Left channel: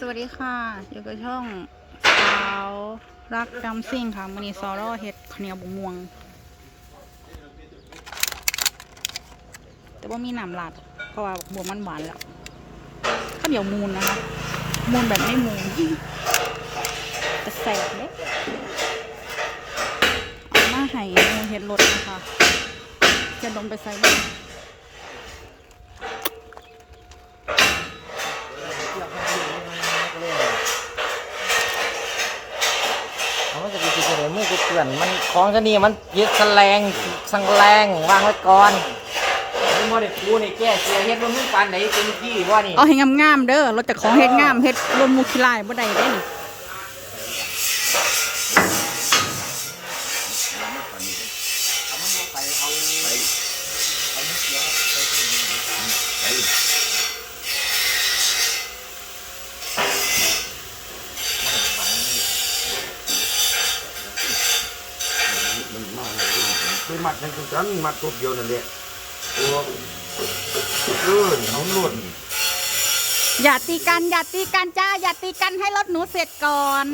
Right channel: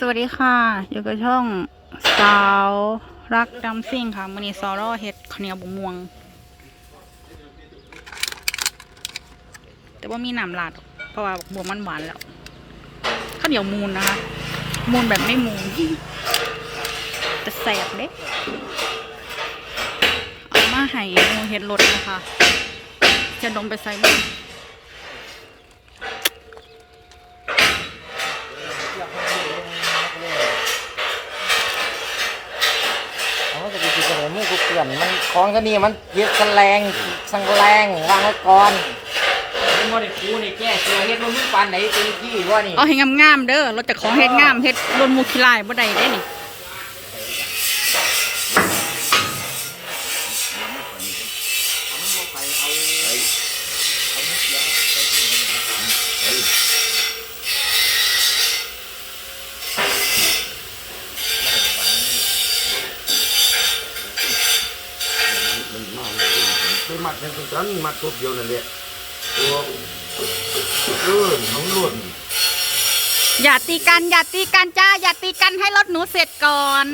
สวัสดีค่ะ อยู่กับช่องสาวรักดำซิ่งค่ะมือนี้ซอรอเฮ็ดข้าวเหนียวบุม่วง แต่ว่ามีน้ำลาด เพราะว่าบวมันหวานแล้วข้าวเหนียวมูนนะคะ มูนแบบไม่มูนแต่แสบเด้เอามาให้มูเฮ็ดรสนะคะ จะดมไปใส่บ้าง มันก็จะกินอะไรมือกู เกลื่อนมันของก็นี่มันเย็ดแสลงสังแรงวางไว้ก่อนมันบ่ได้คูในแก้เจอเฮ็ดมันมีปานไหนเป็นที่ว่านี่เอาให้งามๆเด้อเราจะของเฮ็ดงามเฮ็ดรนมูคิลายบ่ได้ได้นี่มันมากเลยไป มัดให้กันกันมัดตัวเดียวนั่นแหละตัวเลื่อนหนุนหลุดอย่าตีกันอย่าตีกันจ้า อย่าตีกันให้รถหนูเสร็จก่อน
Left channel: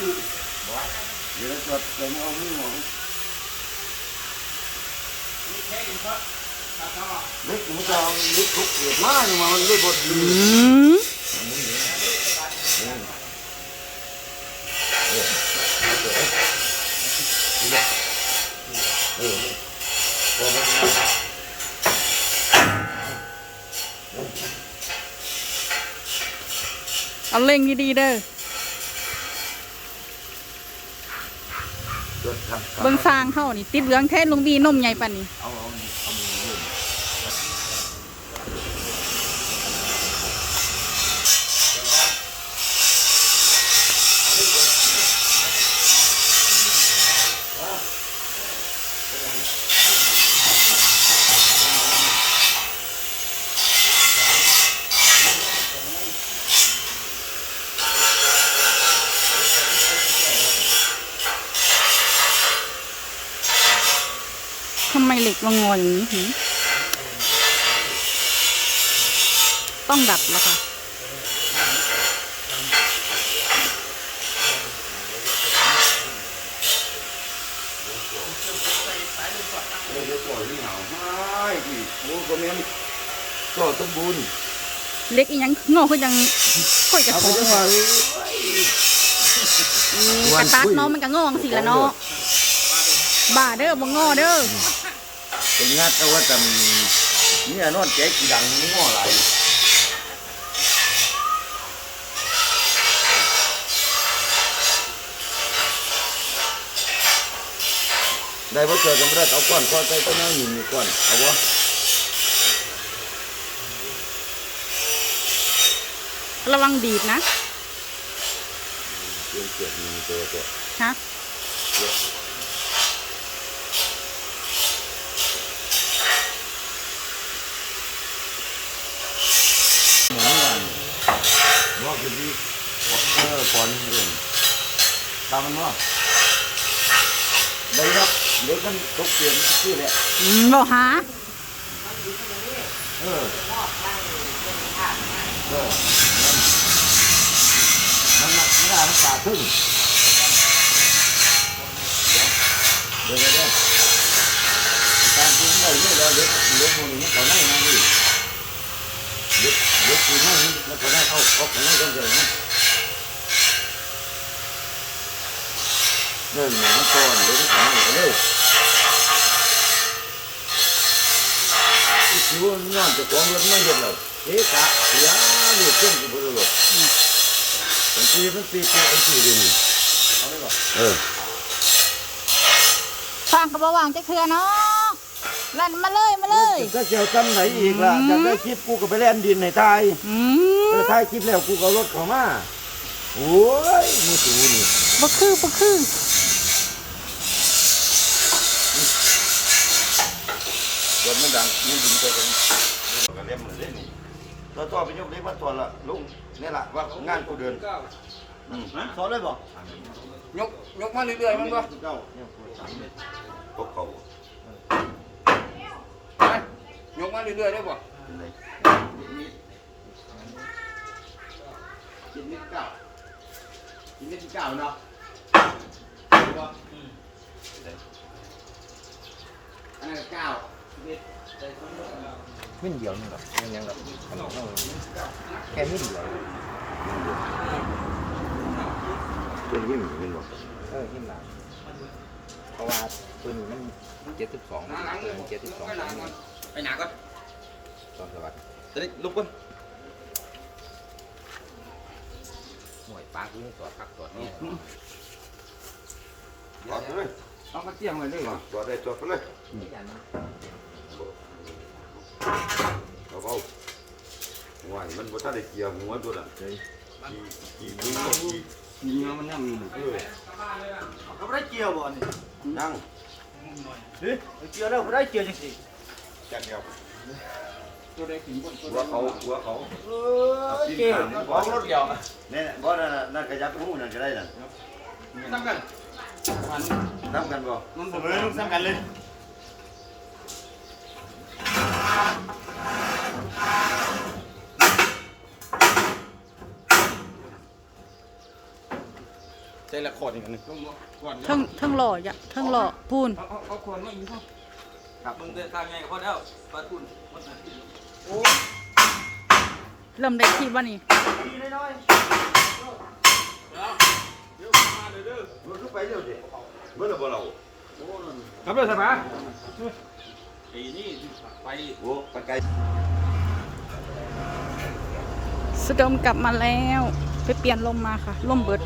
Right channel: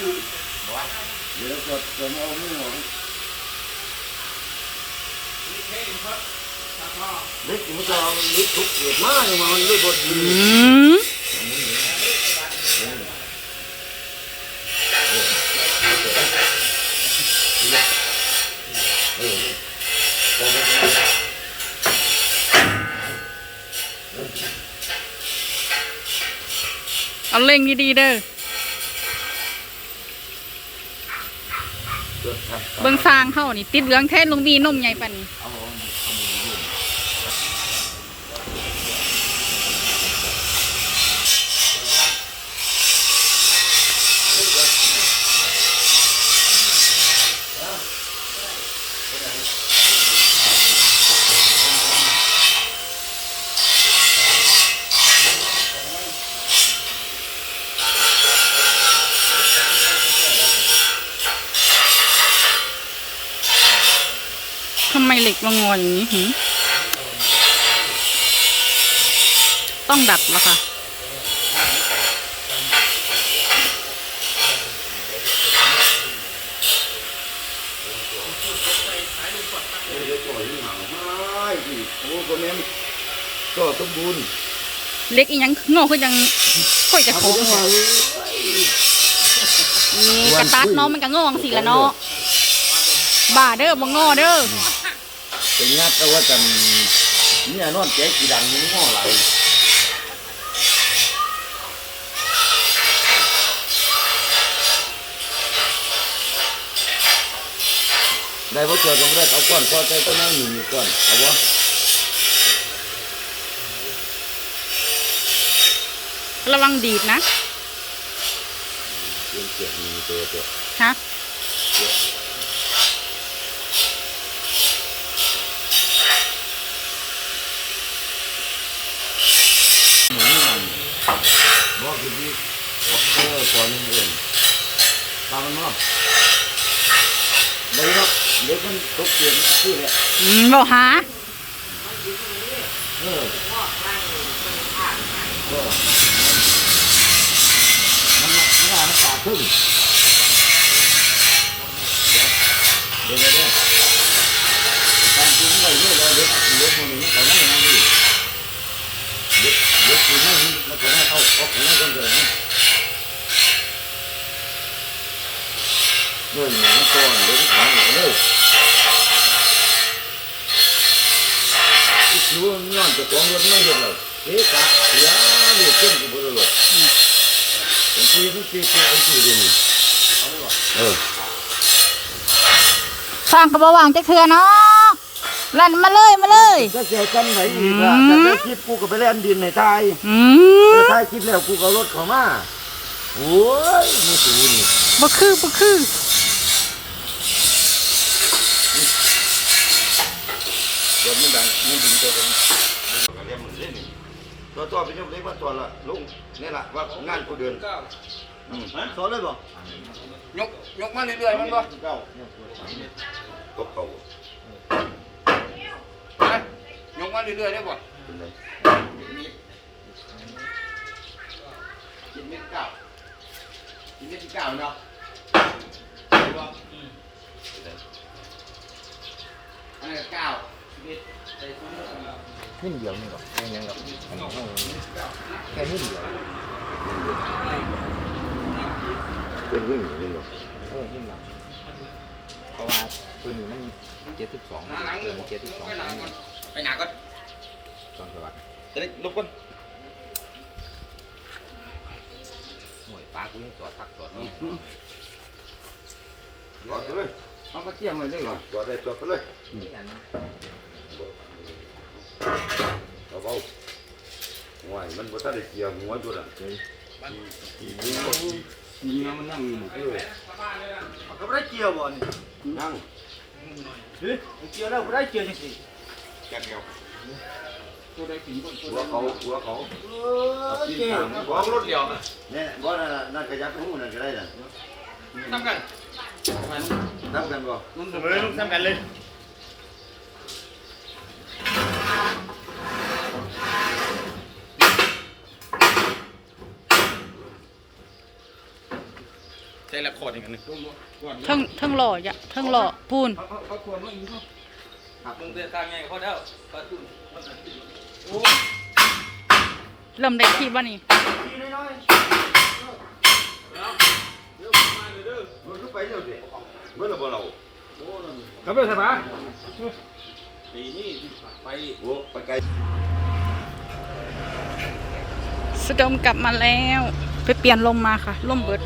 เดี๋ยวจดจะมาเอาไม่หมดเล็กมันจะเล็กทุกเกิดมากเลยมันเลยบดดีอืมเอาเล่งดีๆเด้อ เกิดครับเบิ่งซางเข้านี่ ติดเหลืองแท้ลุงบีนมใหญ่ปานนี้ เอาเอาเอามือ ไมเหล็กมางออย่างนี้หืต้องดัดแล้วค่ะเดี๋ยวต่อที่เหมาไม่ที่โอ้คนนี้ก็สมบูรณ์เล็กอีหยังงอคือยังค่อยจะเอาโขไปงจังหวะนี่กระตัดเนาะมันก็งอสิละเนาะบ่าเด้อบ่งอเด้อ เป็นงัดแต่ว่ากันเนี่ยนอนแจ๊กกี่ดังนี่ง้อหลายได้ว่าเจอกันไม่ได้เอาก้อนก้อนไปก็นั่งหนึ่งก้อนเอาวะระวังดีดนะเกี่ยวเกี่ยวหนึ่งตัวตัวฮะ หนึ่งวัน บอกอยู่ที่บอกเออก่อนนี่เองตามมันว่าได้ครับเด็กมันตกเปลี่ยนที่แหละอืมบ่หาเออเออมันมันไม่ได้มันตาทึ่งเดี๋ยวเดี๋ยวเดี๋ยวตามจริงเลยเนี่ยเราเด็กเด็กคนนี้เขาได้นะพี่เด็กเด็กคนนั้นแล้วก็ได้เข้าออกกันได้กันเลยนะเดินหนังก่อนเด็กของมันเลยที่ว่าย้อนจะของรถไม่เห็นหรอกเอ๊ะกะยาเรียกขึ้นกูบ่ได้หรอกผมคุยทั้งปีปีไอ้ที่เดียวนี่เออสร้างกระบวางจักเทือเนาะ ล่นมาเลยมาเลย ก็เจอกันไหนอีกล่ะอืม แต่ได้คิดกูก็ไปเล่นดินในตายอืมแต่ท้ายคิดแล้วกูก็เรถเขามาโอ้ยมือสูนี่บ่คือบ่คือรถมันดังมันดินเจอกันมาเล่นเหมือนเล่นนี่ตัวตัวเป็นยกเล็กว่าตัวละลุงนี่แหละว่างานกูเดินอืสอนเลยบอกยกยกมาเรื่อยๆมันวะตบเขา ยกมาเรื่อยๆได้บ่เป็นไงกินนิดเก้ากินนิดเก้าเนาะอันนั้นเก้ามิ้นเดียวนี่หรอยังยังหรอกอันนี้ต้องแค่มิ้นเดียวเป็นวิ่งเห็นบ่เออมิ้นหลังเพราะว่าตัวนี้มันเจ็ดสิบสองมันเจ็ดสิบสอง ไปหนาก็ตอนสวัสดิ์จะได้ลุกก่อนหน่วยปลากูยังจอดพักจอดนี่จอดไปเลยเอากระเทียมไว้เลยอะจอดได้จอดไปเลยยันเอาเบาห่วยมันบ่ทันได้เกี่ยวหัวตัวนั้นขี่ขี่ดูบ่ขี่มีมันยังอยู่เออก็ได้เกี่ยวบ่นี่นั่งเฮ้ยเกี่ยวแล้วบ่ได้เกี่ยวจังซี่ กันครับตัวได้กินบ่ตัวหัวเขาหัวเขาเออเกี่ยวของรถเดียวเนี่ยบ่นั่นน่ะนั่นขยับหูนั่นก็ได้น่ะทำกันนับกันบ่มันบ่เลยทำกันเลยใจละคอร์ดอีกอันหนึงทั้งทั้งหล่อจ้ะทั้งหล่อพูนเอาเอาเอาควรมาอีกเนาะ ครับมึงเดินทางไงเขาแล้วปะตุนเริ่มได้ที่บ้านี่มันคือไปเร็วสิเมื่อเราบ่เราครับเด้อสบายโอ้ไปไกลสะดมกลับมาแล้ว ไปเปลี่ยนลมมาค่ะ ลมเบิด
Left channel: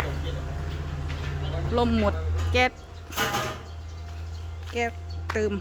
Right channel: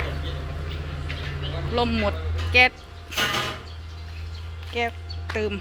ลมหมด แก๊ส แก๊สเติม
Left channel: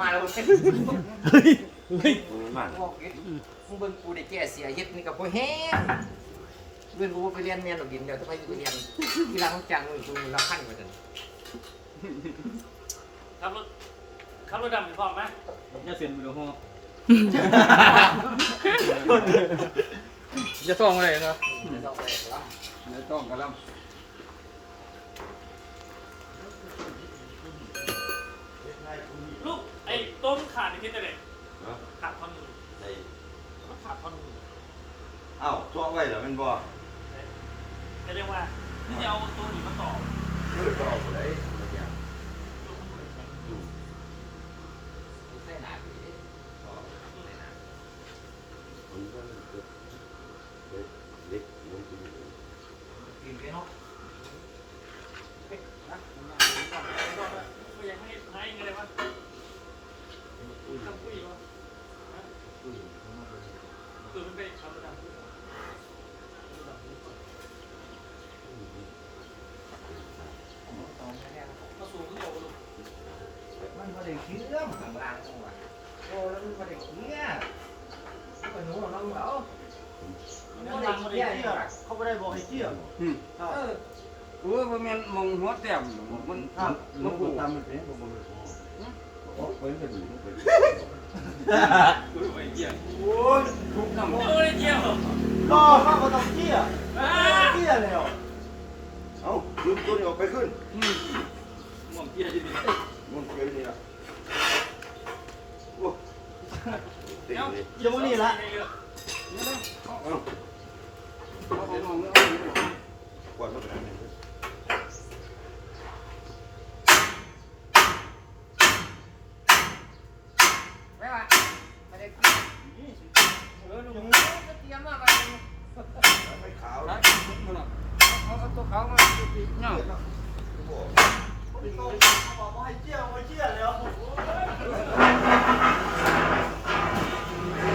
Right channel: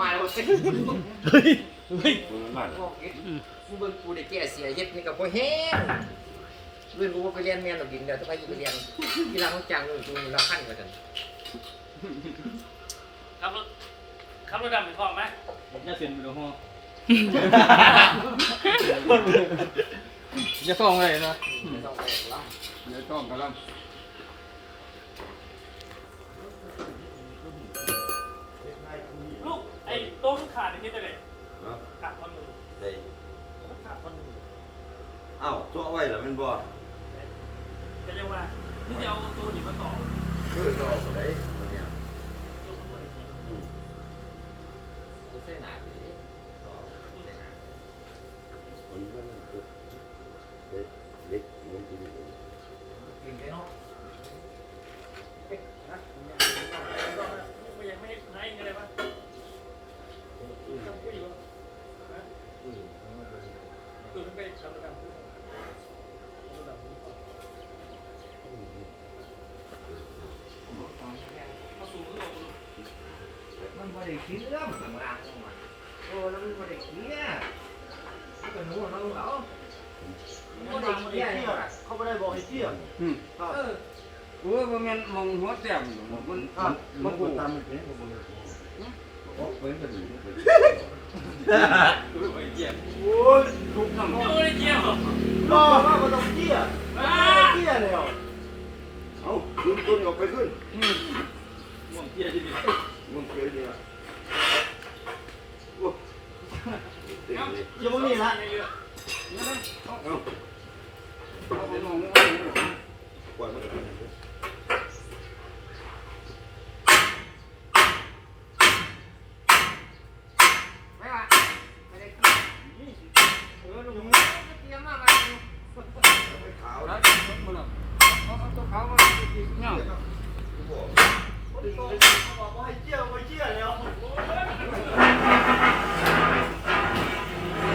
มาแล้วมันมากกูเบิ่งกูได้แก้เสียเฮ็ดนี่กับพ่อแห้งเบิ่งกูบ่ไปเรียนเมียนดอกดินเดี๋ยวต้องไปอยู่ไปเรียนกีฬาของจังกูละพันกว่าจังขับรถขับรถดำหรือเปล่าไหมอย่าเซ็นไปดูห้ออย่าส่องเลยนะอย่าส่องกันล ลูกไอ้โต้นขาดในเพชรเลยเนาะขาดท่อนหนึ่งได้ขาดท่อนหนึ่งเอ้าตัวไว้แล้วมันบ่ก็ยังว่าที่จะเอาตัวนี้มาต่อเออต้องเอาไปเลยมันเนี่ยตัวข้างบนใช้ใส่หนาดีเด้ต่อใส่หนา มันมันเด็กเล็กลงไปอยู่ กินไปเนาะ ไม่ยังไม่ให้อะไรวะทำปุ้ยวะตัวมันไปขับรถดำรถดำมาสูงขึ้นออกลูก มันบ่ได้ขี้างล่างว่ะโอ้แล้วมันบ่ได้ขี้อะก็หนูน้องเอาบ่ได้ขี้อะเขาไม่ได้บอกให้เกี่ยวเออเออมันแม่นมองหัวแต้มมันมันมันกูตามมันเป็นบ่บ่บ่บ่เป็นก็ดีบ่เป็นโอ้ยทุกน้ำโอ้ยเจียวรอมาก็ต้องเกี่ยวเกี่ยวแล้วเอาดึงตัวนี้ออกไปขึ้นม่วงเกียร์ที่นี่มึงเกลียวนี่ละโอ้ เต็มเลยอยู่ตรงนี้ละเอาเอาของน้องเอาของน้องปล่อยมันไปทางไหนไม่ว่าไม่ได้เลยมมาขาวรันะกมันอะเอาเอาตัวนาะ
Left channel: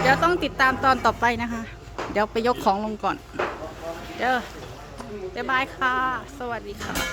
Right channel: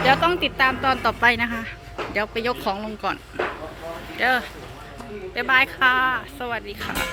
เดี๋ยวต้องติดตามตอนต่อไปนะคะ เดี๋ยวไปยกของลงก่อน เด้อบ๊ายบายค่ะ สวัสดีค่ะ